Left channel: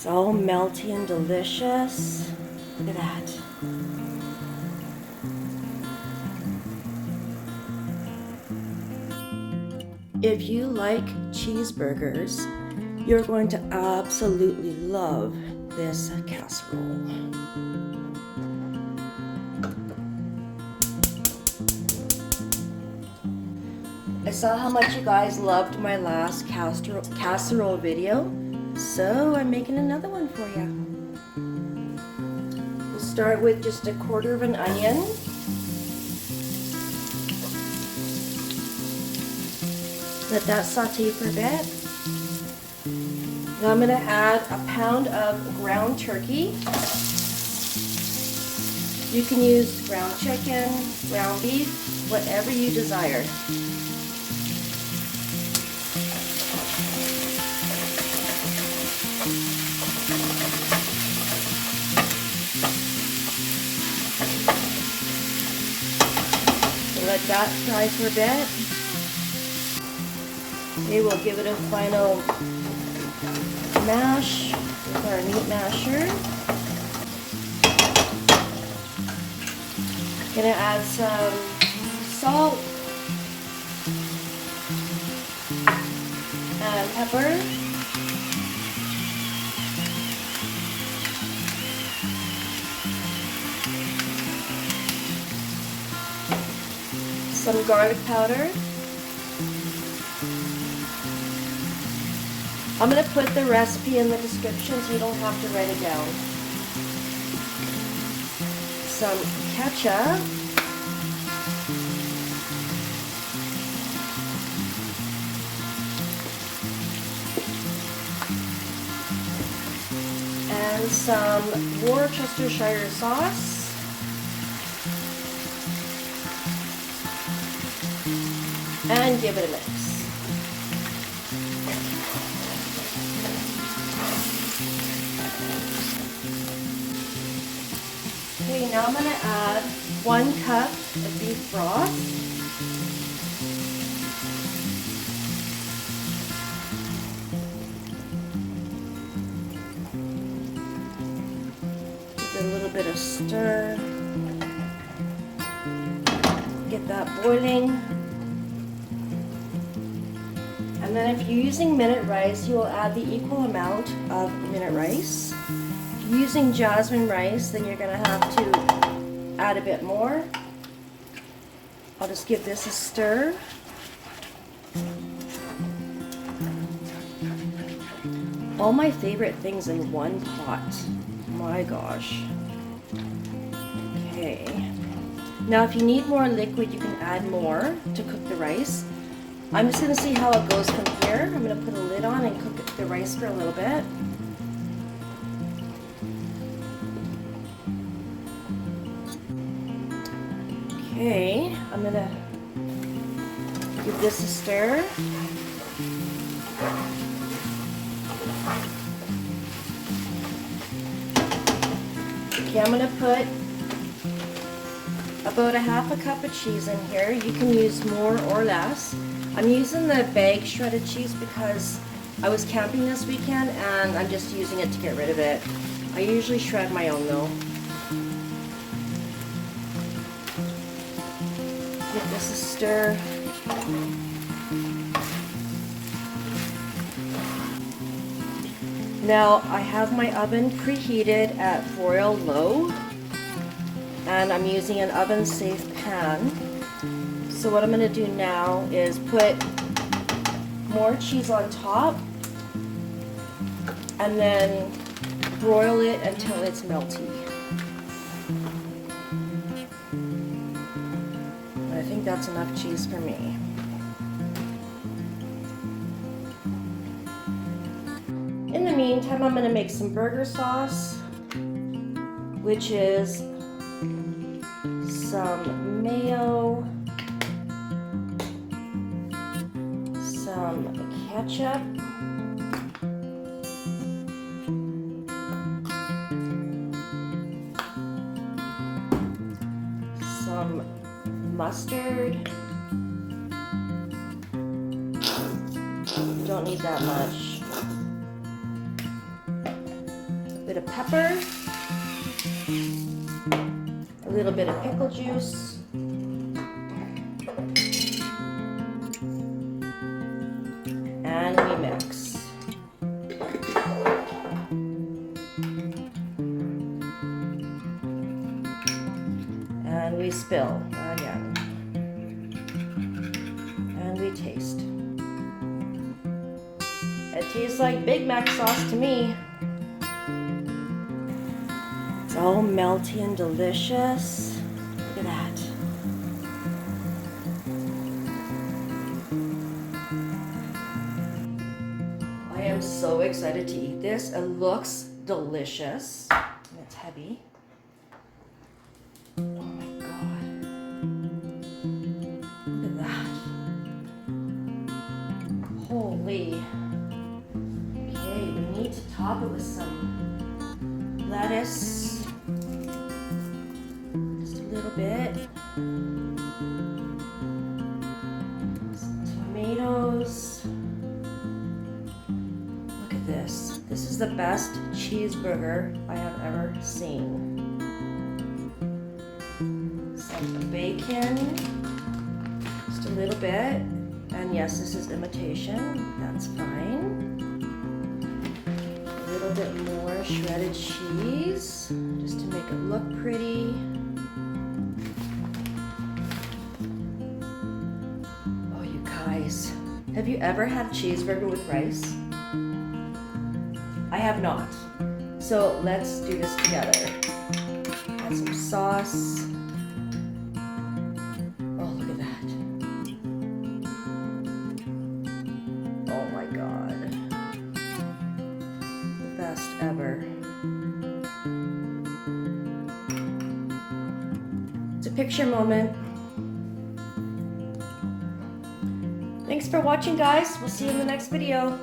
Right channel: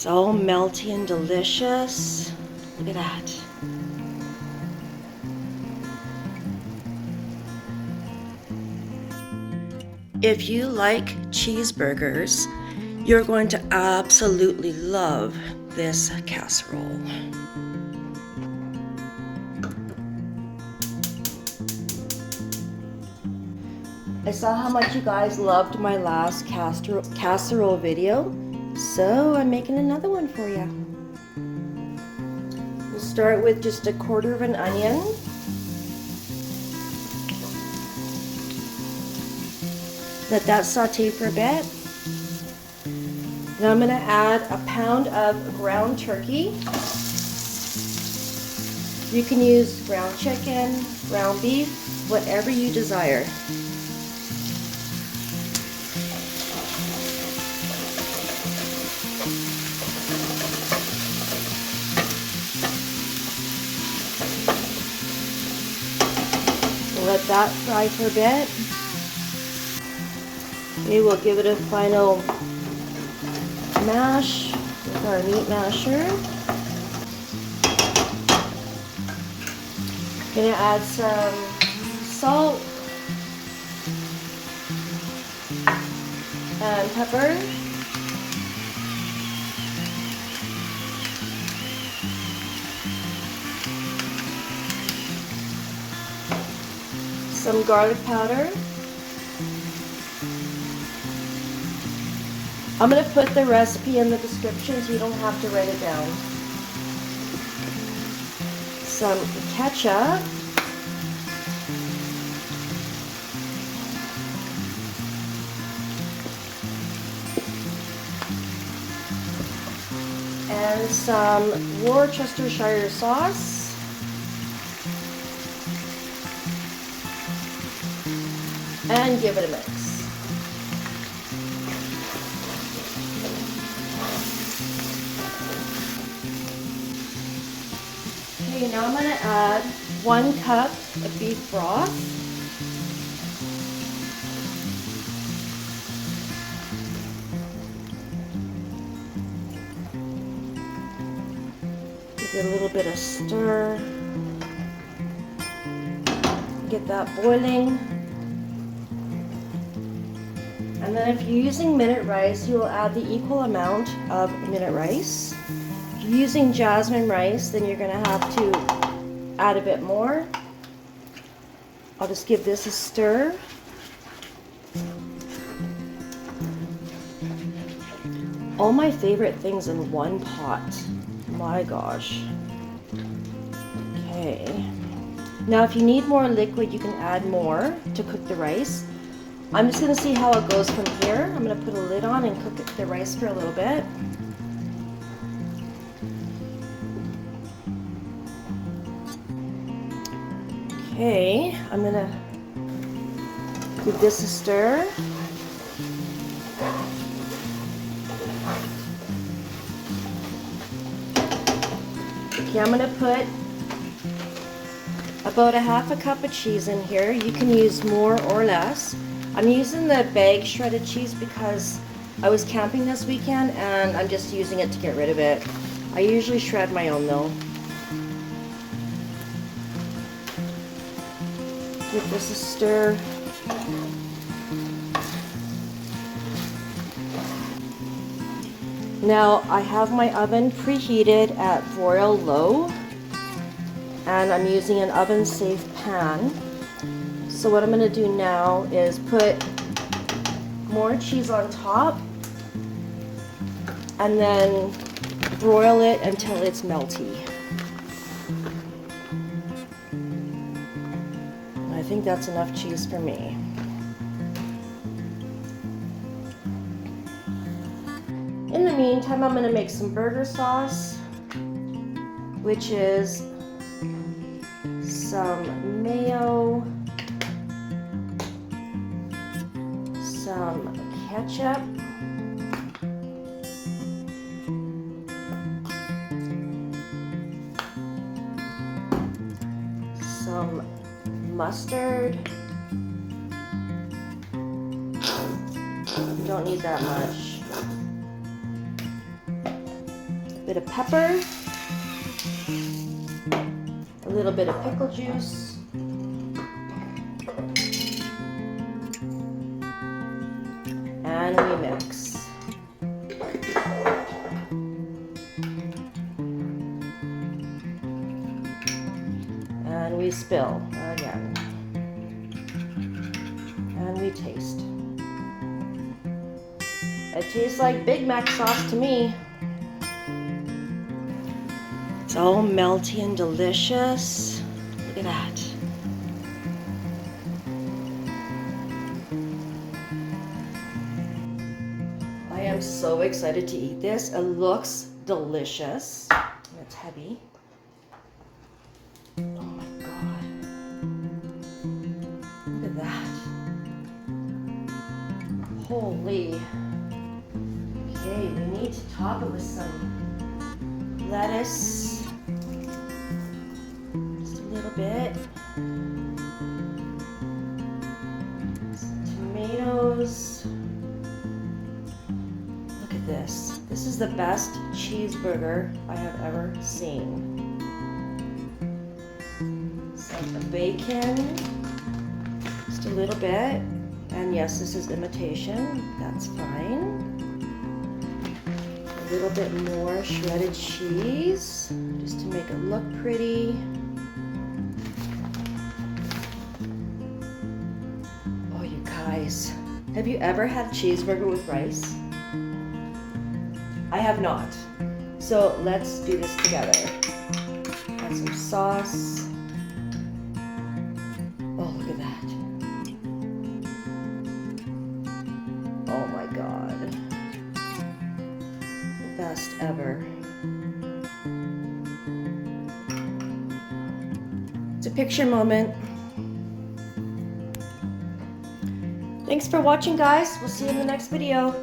It's all melty and delicious. Look at that. If you like cheeseburgers, you're going to absolutely love this casserole. I saw how much you guys loved my last casserole video, so I'm making another one for you. We'll start with just a quarter of an onion. Let that saute for a bit. Now I'm going to add a pound of ground turkey. You can use ground chicken, ground beef, whatever you desire. Let that fry for a bit. We will give it a final mash with our meat masher. Gonna add some salt and pepper. Some garlic powder. I'm going to put the recipe in the description so you don't have to write it down. Some ketchup. And some Worcestershire sauce. And give it a mix. Okay, now I'm going to add 1 cup of beef broth. Give it a little bit of stir. Get that boiling. And then if you're using minute rice, you will add the equal amount of minute rice. If you're using jasmine rice, then you're going to have to add a bit more. I'll just give this a stir. All my favorite things in one pot. My gosh. Okay. Now if you need more liquid, you can add more to cook the rice. I'm just going to see how it goes from here. I'm going to put a lid on and cook the rice for a little bit. Okay, I'm going to give this a stir. Okay, I'm going to put about a half a cup of cheese in here. You can use more or less. I'm using the bag shredded cheese because I was camping this weekend and I'm just using it to get rid of it. I usually shred my own though. Give this a stir. Now I have my oven preheated at broil low and I'm using an oven safe pan. So what I'm going to do now is put more cheese on top and then broil it until it's melty. And I think that's enough cheese for me. In the meantime, I'm going to make some burger sauce, which is some mayo, some ketchup, some mustard. You don't need that much. A bit of pepper, a little bit of pickle juice, and we mix. And we spill again. And we taste. It tastes like Big Mac sauce to me. It's all melty and delicious. Look at that. I am so excited to eat this. It looks delicious. It's heavy. Oh my God. Look at that. Holy. Okay, we need to top it with some lettuce. Just a little bit. Some tomatoes. Look at this. This is the best cheeseburger I have ever seen. Some bacon. Just a little bit. And yes, this is imitation. That's fine. A little bit more shredded cheese, just to make it look pretty. Oh, you guys, have you ever had cheeseburger with rice? I have not. So let's do this together. Add some sauce. Oh, look at that. Oh my God. The best ever. It's a picture moment. Thanks for watching, guys. We'll see you in the next video.